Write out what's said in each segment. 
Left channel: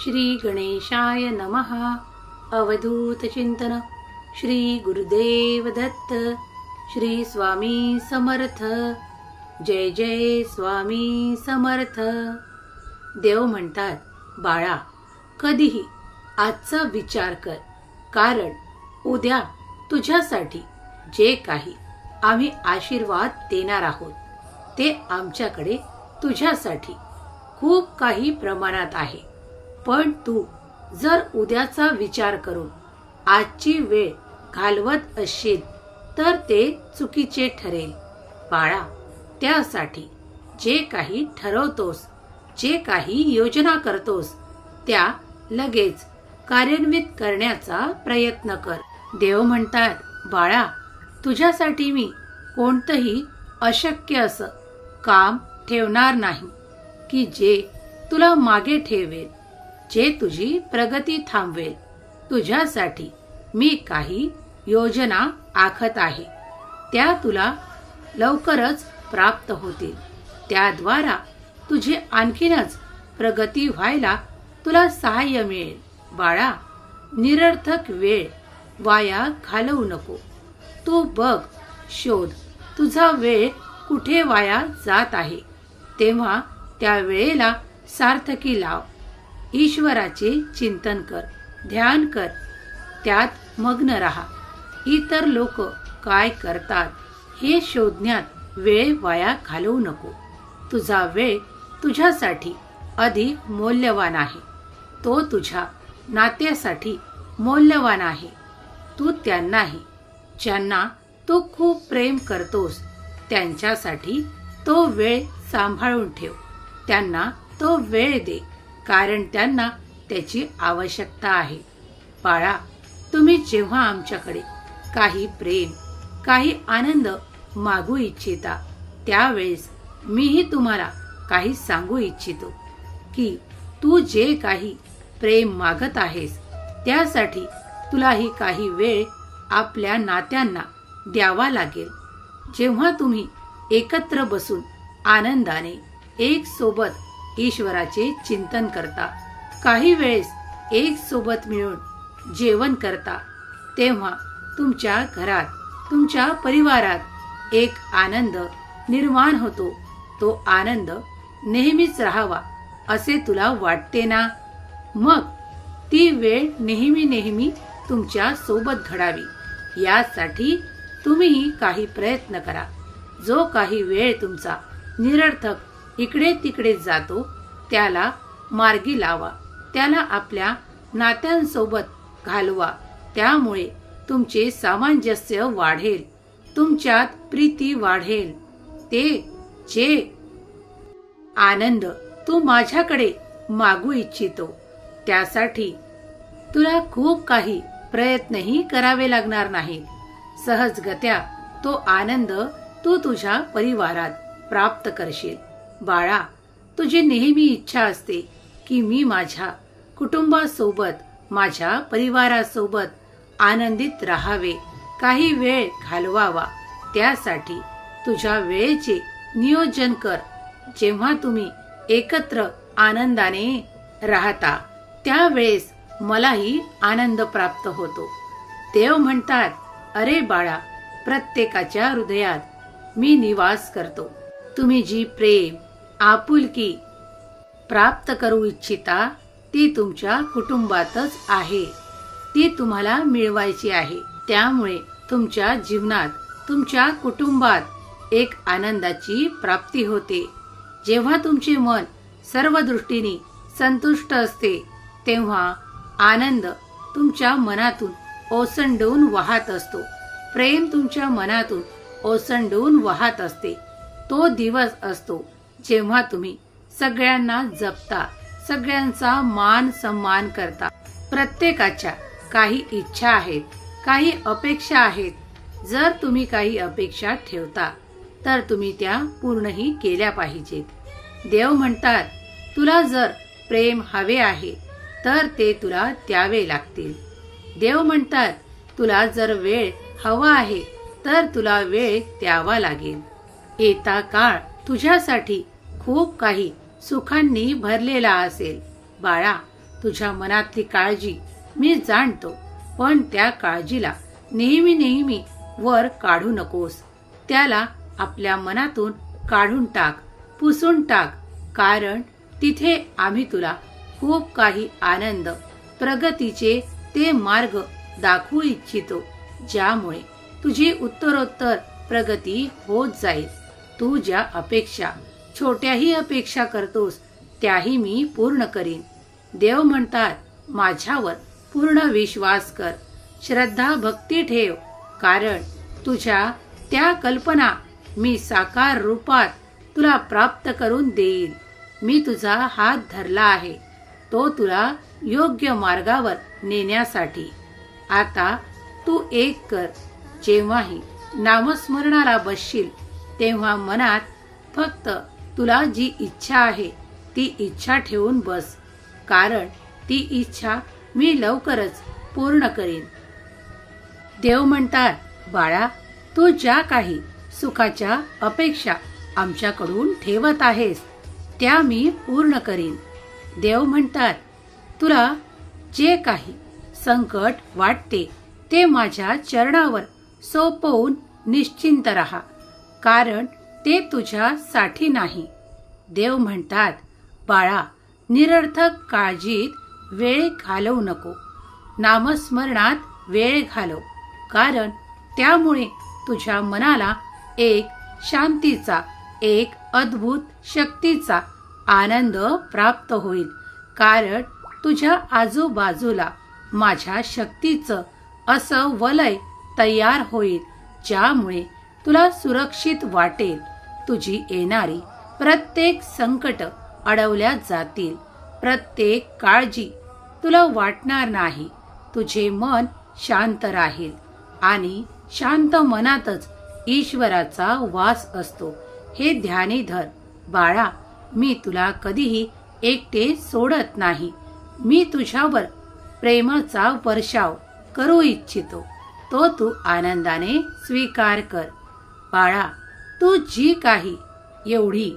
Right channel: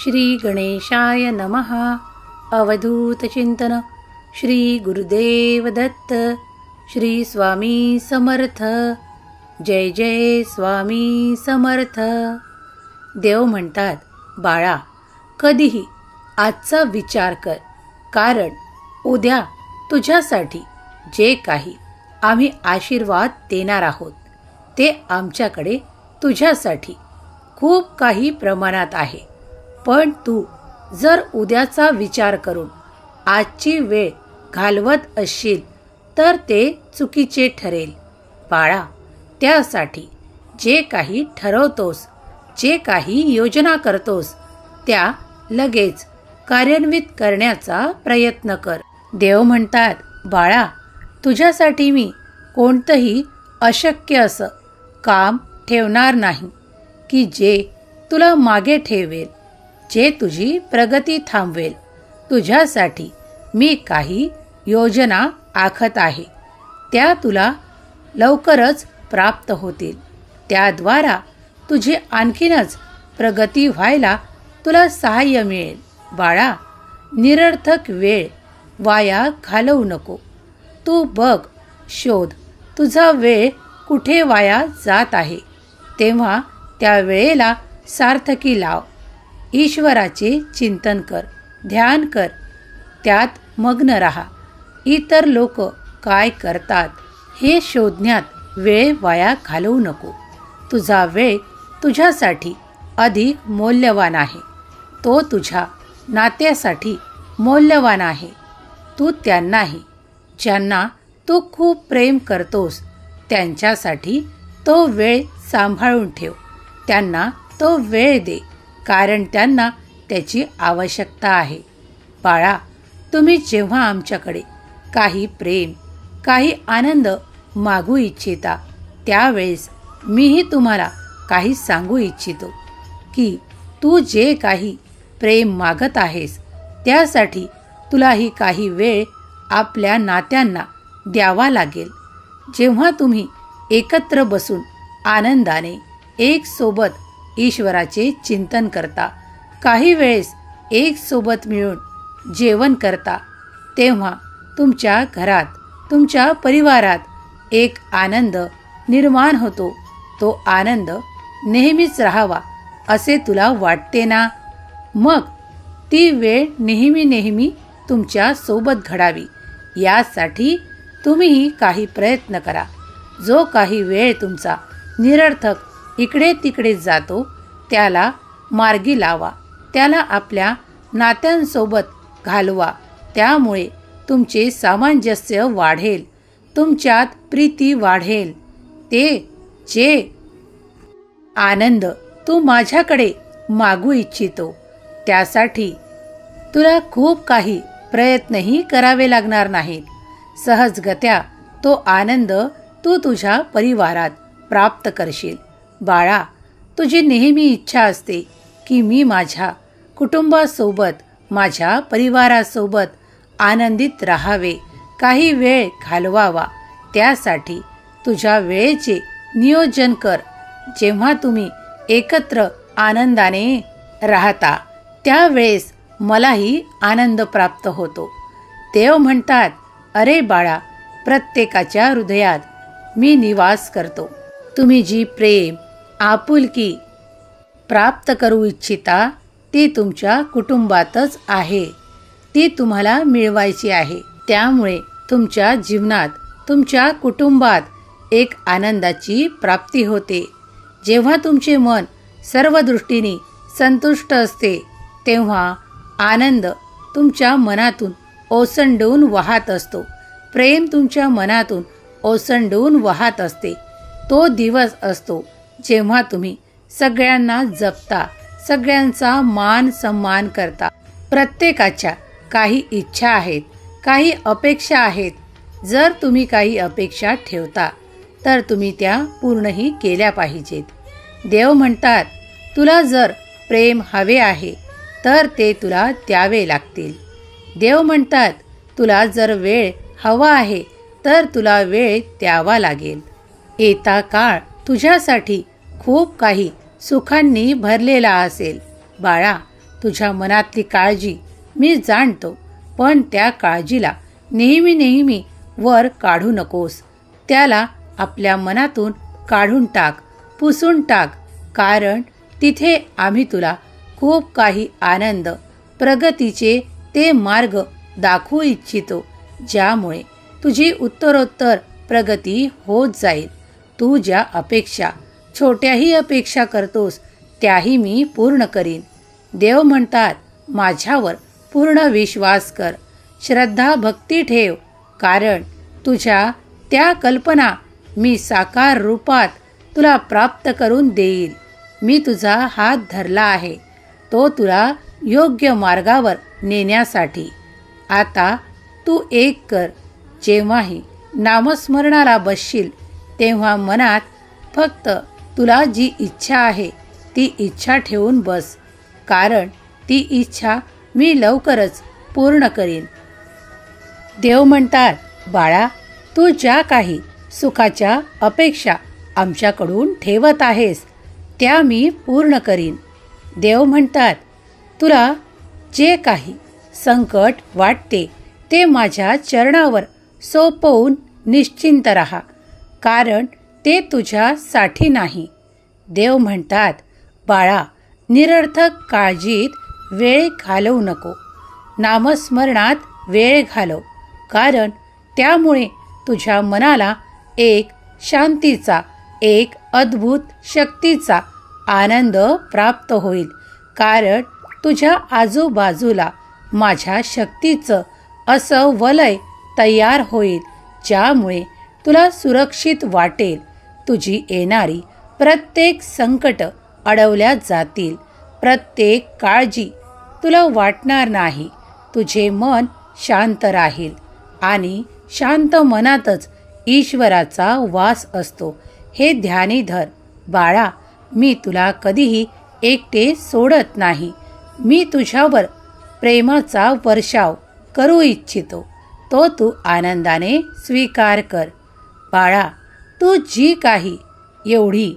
श्री गणेशाय नमः. अवधूत चिंतन. श्री गुरुदेव दत्त. श्री स्वामी समर्थ. जय जय स्वामी समर्थ. देव म्हणतात, बाळा, कधीही आजचा विचार कर, कारण उद्या तुझ्यासाठी जे काही आम्ही आशीर्वाद देणार आहोत ते आमच्याकडे तुझ्यासाठी खूप काही प्रमाणात आहे. पण तू जर उद्याचा विचार करून आजची वेळ घालवत असशील तर ते चुकीचे ठरेल. बाळा, त्यासाठी जे काही ठरवतोस, जे काही योजना करतोस, त्या लगेच कार्यान्वित करण्याचा प्रयत्न कर. देव म्हणतात, बाळा, तुझ्यासाठी मी कोणतंही अशक्य असं काम ठेवणार नाही की जे तुला मागे ठेवेल, जे तुझी प्रगती थांबवेल. तुझ्यासाठी मी काही योजना आखत आहे, त्या तुला लवकरच प्राप्त होतील. त्याद्वारा तुझी आणखीनच प्रगती व्हायला तुला सहाय्य मिळेल. बाळा, निरर्थक वेळ वाया घालवू नको. तू बघ, शोध, तुझा वेळ कुठे वाया जात आहे, तेव्हा त्या वेळेला सार्थकी लाव. ईश्वराचे चिंतन कर, ध्यान कर, त्यात मग्न राहा. इतर लोक काय करतात हे शोधण्यात वेळ वाया घालवू नको. तुझा वेळ तुझ्यासाठी अधिक मौल्यवान आहे. तो तुझ्या नात्यासाठी मौल्यवान आहे. तू त्यांनाही, ज्यांना तू खूप प्रेम करतोस, त्यांच्यासाठी तो वेळ सांभाळून ठेव. त्यांना तो वेळ दे, कारण त्यांना त्याची आवश्यकता आहे. बाळा, तुम्ही जेव्हा आमच्याकडे काही प्रेम, काही आनंद मागू इच्छिता, त्यावेळेस मीही तुम्हाला काही सांगू इच्छितो की तू जे काही प्रेम मागत आहेस त्यासाठी तुलाही काही वेळ आपल्या नात्यांना द्यावा लागेल. जेव्हा तुम्ही एकत्र बसून आनंदाने एक सोबत ईश्वराचे चिंतन करता, काही वेळेस एक सोबत मिळून जेवण करता, तेव्हा तुमच्या घरात, तुमच्या परिवारात एक आनंद निर्माण होतो. तो आनंद नेहमीच राहावा असे तुला वाटते ना? मग ती वेळ नेहमी नेहमी तुमच्या सोबत घडावी यासाठी तुम्हीही काही प्रयत्न करा. जो काही वेळ तुमचा निरर्थक इकडे तिकडे जातो त्याला मार्गी लावा, त्याला आपल्या नात्यांसोबत घालवा. त्यामुळे तुमचे सामंजस्य वाढेल, तुमच्यात प्रीती वाढेल. ते जे आनंद तू माझ्याकडे मागू इच्छितो त्यासाठी तुला खूप काही प्रयत्नही करावे लागणार नाहीत. सहजगत्या तो आनंद तू तुझ्या परिवारात प्राप्त करशील. बाळा, तुझी नेहमी इच्छा असते की मी माझ्या कुटुंबासोबत, माझ्या परिवारासोबत आनंदित राहावे, काही वेळ घालवावा. त्यासाठी तुझ्या वेळेचे नियोजन कर. जेव्हा तुम्ही एकत्र आनंदाने राहता त्यावेळेस मलाही आनंद प्राप्त होतो. देव म्हणतात, अरे बाळा, प्रत्येकाच्या हृदयात मी निवास करतो. तुम्ही जी प्रेम, आपुलकी प्राप्त करू इच्छिता ती तुमच्या कुटुंबातच आहे. ती तुम्हाला मिळवायची आहे. त्यामुळे तुमच्या जीवनात, तुमच्या कुटुंबात एक आनंदाची प्राप्ती होते. जेव्हा तुमचे मन सर्व दृष्टीने संतुष्ट असते तेव्हा आनंद तुमच्या मनातून ओसंडून वाहत असतो. प्रेम तुमच्या मनातून ओसंडून वाहत असते. तो दिवस असतो जेव्हा तुम्ही सगळ्यांना जपता, सगळ्यांचा मान सन्मान करता. प्रत्येकाच्या काही इच्छा आहेत, काही अपेक्षा आहेत. जर तुम्ही काही अपेक्षा ठेवता तर तुम्ही त्या पूर्णही केल्या पाहिजेत. देव म्हणतात, तुला जर प्रेम हवे आहे तर ते तुला द्यावे लागतील. देव म्हणतात, तुला जर वेळ हवा आहे तर तुला वेळ द्यावा लागेल. येता काळ तुझ्यासाठी खूप काही सुखांनी भरलेला असेल. बाळा, तुझ्या मनातली काळजी मी जाणतो, पण त्या काळजीला नेहमी नेहमी वर काढू नकोस. त्याला आपल्या मनातून काढून टाक, पुसून टाक. कारण तिथे आम्ही तुला खूप काही आनंद, प्रगतीचे ते मार्ग दाखवू इच्छितो, ज्यामुळे तुझी उत्तरोत्तर प्रगती होत जाईल. तू ज्या अपेक्षा, छोट्याही अपेक्षा करतोस त्याही मी पूर्ण करीन. देव म्हणतात, माझ्यावर पूर्ण विश्वास कर, श्रद्धा भक्ती ठेव. कारण तुझ्या त्या कल्पना मी साकार रूपात तुला प्राप्त करून देईल. मी तुझा हात धरला आहे, तो तुला योग्य मार्गावर नेण्यासाठी. आता तू एक कर, जेव्हाही नामस्मरणाला बसशील तेव्हा मनात फक्त तुला जी इच्छा आहे ती इच्छा ठेवून बस. कारण ती इच्छा मी लवकरच पूर्ण करीन. देव म्हणतात, बाळा, तू ज्या काही सुखाच्या अपेक्षा आमच्याकडून ठेवत आहेस त्या मी पूर्ण करीन. देव म्हणतात, तुला जे काही संकट वाटते ते माझ्या चरणावर सोपवून निश्चिंत राहा, कारण ते तुझ्यासाठी नाही. देव म्हणतात, बाळा, निरर्थक काळजीत वेळ घालवू नको, नामस्मरणात वेळ घालव. कारण त्यामुळे तुझ्या मनाला एक शांतीचा, एक अद्भुत शक्तीचा आनंद प्राप्त होईल. कारण तुझ्या आजूबाजूला माझ्या शक्तीचं असं वलय तयार होईल, ज्यामुळे तुला सुरक्षित वाटेल. तुझी येणारी प्रत्येक संकट अडवल्या जातील, प्रत्येक काळजी तुला वाटणार नाही. तुझे मन शांत राहील आणि शांत मनातच ईश्वराचा वास असतो. हे ध्यानी धर. बाळा, मी तुला कधीही एकटे सोडत नाही. मी तुझ्यावर प्रेमाचा वर्षाव करू इच्छितो, तो तू आनंदाने स्वीकार कर. बाळा, तू जी काही एवढी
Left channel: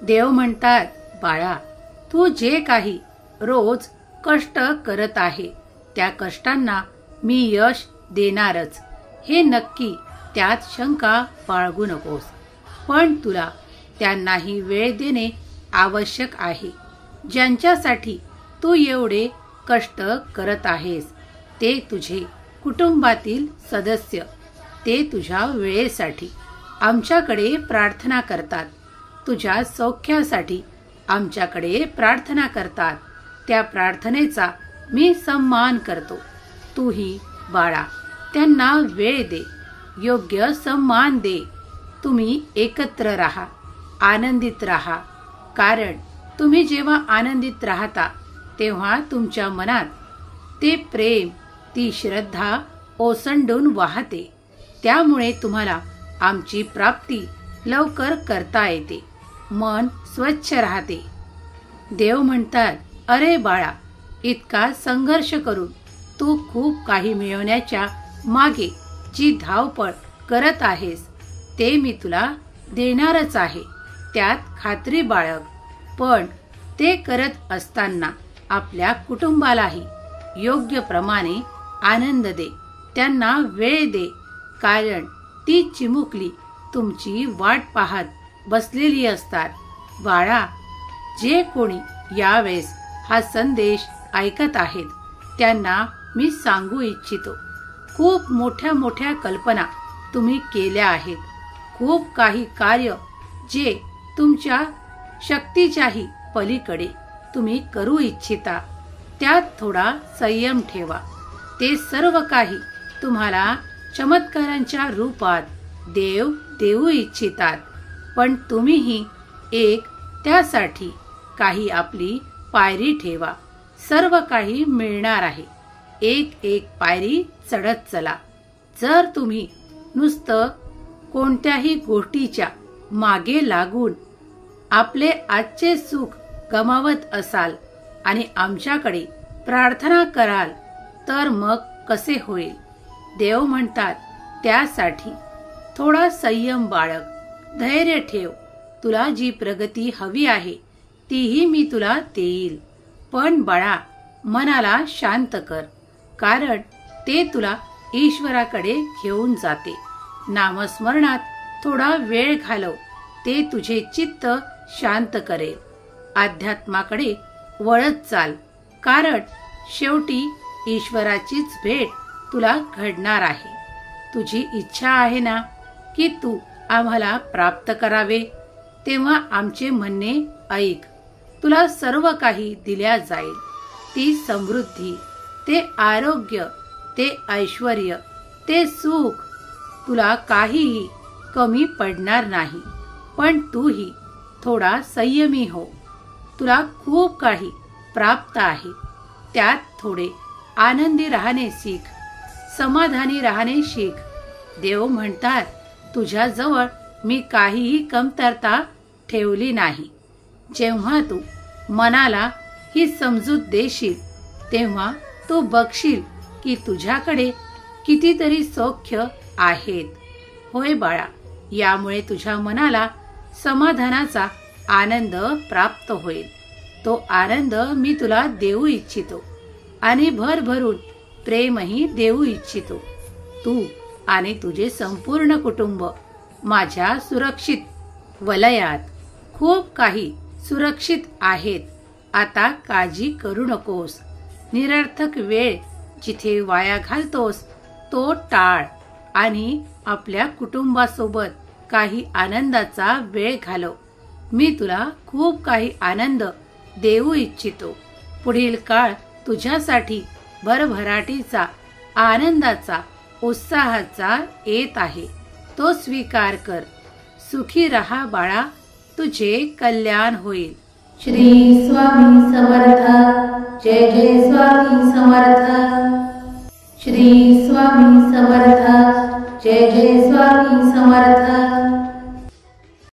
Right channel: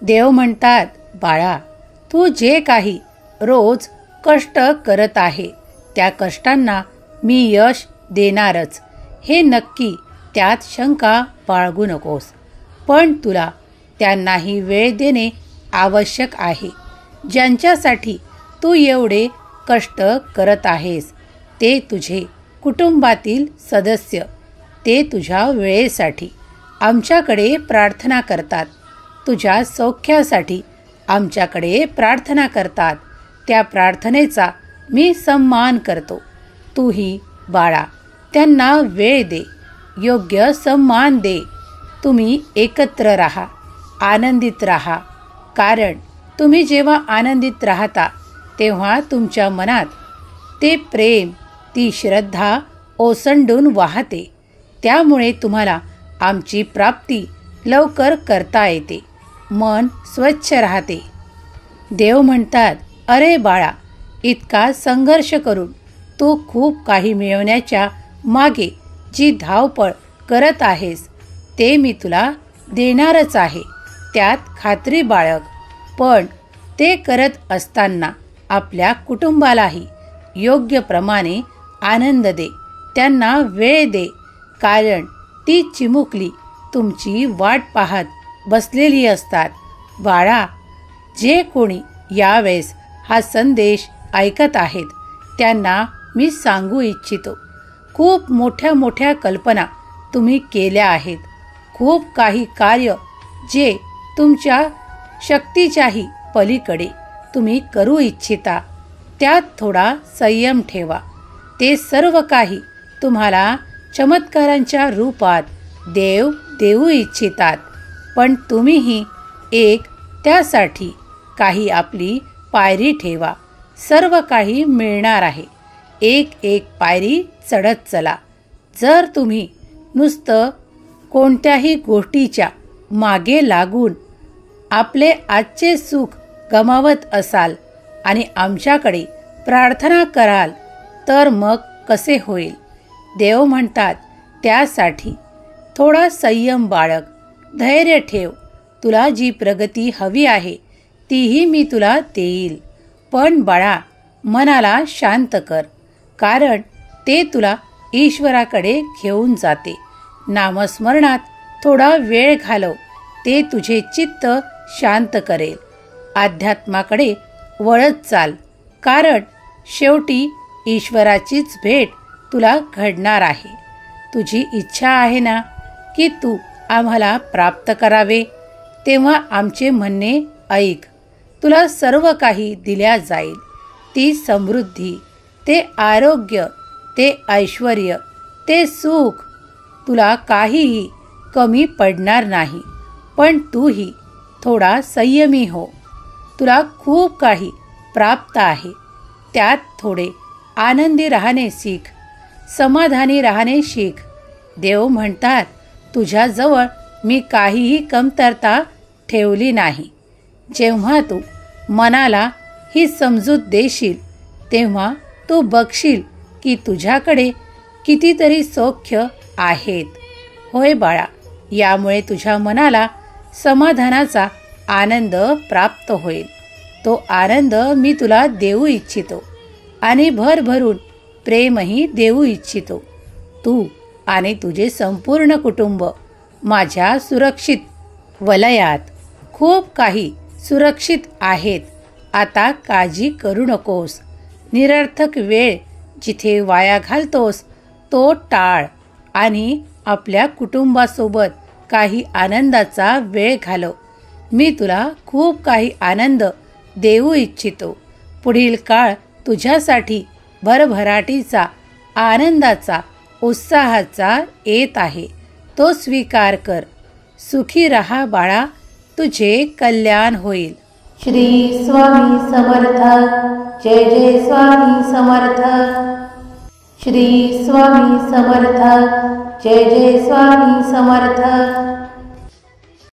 देव म्हणतात, बाळा, तू जे काही रोज कष्ट करत आहे त्या कष्टांना मी यश देणारच, हे नक्की, त्यात शंका बाळगू नकोस. पण तुला त्यांनाही वेळ देणे आवश्यक आहे. ज्यांच्यासाठी तू एवढे कष्ट करत आहेस ते तुझे कुटुंबातील सदस्य, ते तुझ्या वेळेसाठी आमच्याकडे प्रार्थना करतात, तुझ्या सौख्यासाठी आमच्याकडे प्रार्थना करतात. त्या प्रार्थनेचा मी सन्मान करतो. तूही बाळा त्यांना वेळ दे, योग्य सन्मान दे. तुम्ही एकत्र राहा, आनंदित राहा. कारण तुम्ही जेव्हा आनंदित राहता तेव्हा तुमच्या मनात ते प्रेम, ती श्रद्धा ओसंडून वाहते. त्यामुळे तुम्हाला आमची प्राप्ती लवकर करता येते. मन स्वच्छ राहते. देव म्हणतात, अरे बाळा, इतका संघर्ष करून तू खूप काही मिळवण्याच्या मागे जी धावपळ करत आहेस ते मी तुला देणारच आहे, त्यात खात्री बाळग. पण ते करत असताना आपल्या कुटुंबालाही योग्य प्रमाणे आनंद दे, त्यांना वेळ दे. कारण ती चिमुकली तुमची वाट पाहत बसलेली असतात. बाळा, जे कोणी यावेळेस हा संदेश ऐकत आहेत त्यांना मी सांगू इच्छितो, खूप मोठ्या मोठ्या कल्पना तुम्ही केल्या आहेत, खूप काही कार्य जे तुमच्या शक्तीच्याही पलीकडे तुम्ही करू इच्छिता, त्यात थोडा संयम ठेवा. ते सर्व काही तुम्हाला चमत्कारांच्या रूपात देव देऊ इच्छितात. पण तुम्हीही एक त्यासाठी काही आपली पायरी ठेवा. सर्व काही मिळणार आहे. एक एक पायरी चढत चला. जर तुम्ही नुसतं कोणत्याही गोष्टीच्या मागे लागून आपले आजचे सुख गमावत असाल आणि आमच्याकडे प्रार्थना कराल तर मग कसे होईल? देव म्हणतात, त्यासाठी थोडा संयम बाळग, धैर्य ठेव. तुला जी प्रगती हवी आहे तीही मी तुला देईल. पण बाळा, मनाला शांत कर, कारण ते तुला ईश्वराकडे घेऊन जाते. नामस्मरणात थोडा वेळ घालव, ते तुझे चित्त शांत करेल. अध्यात्माकडे वळत चाल, कारण शेवटी ईश्वराचीच भेट तुला घडणार आहे. तुझी इच्छा आहे ना की तू आम्हाला प्राप्त करावे, तेव्हा आमचे म्हणणे ऐक. तुला सर्व काही दिल्या जाईल. ती समृद्धी, ते आरोग्य, ते ऐश्वर्य, ते सुख, तुला काहीही कमी पडणार नाही. पण तूही थोडा संयमी हो. तुला खूप काही प्राप्त आहे, त्यात थोडे आनंदी राहणे शिक, समाधानी राहणे शिक. देव म्हणतात, तुझ्याजवळ मी काहीही कमतरता ठेवली नाही. जेव्हा तू मनाला ही समजूत देशील, तेव्हा तू बघशील की तुझ्याकडे कितीतरी सौख्य आहेत. होय बाळा, यामुळे तुझ्या मनाला समाधानाचा आनंद प्राप्त होईल. तो आनंद मी तुला देऊ इच्छितो आणि भरभरून प्रेमही देऊ इच्छितो. तू आणि तुझे संपूर्ण कुटुंब माझ्या सुरक्षित वलयात, खूप काही सुरक्षित आहेत. आता काळजी करू नकोस. निरर्थक वेळ जिथे वाया घालतोस तो टाळ आणि आपल्या कुटुंबासोबत काही आनंदाचा वेळ घालव. मी तुला खूप काही आनंद देऊ इच्छितो. पुढील काळ तुझ्यासाठी भरभराटीचा, आनंदाचा, उत्साहाचा येत आहे. तो स्वीकार कर. सुखी रहा बाळा, तुझे कल्याण होईल. श्री स्वामी समर्थ. जय जय स्वामी समर्थ. श्री स्वामी समर्थ. जय जय स्वामी समर्थ.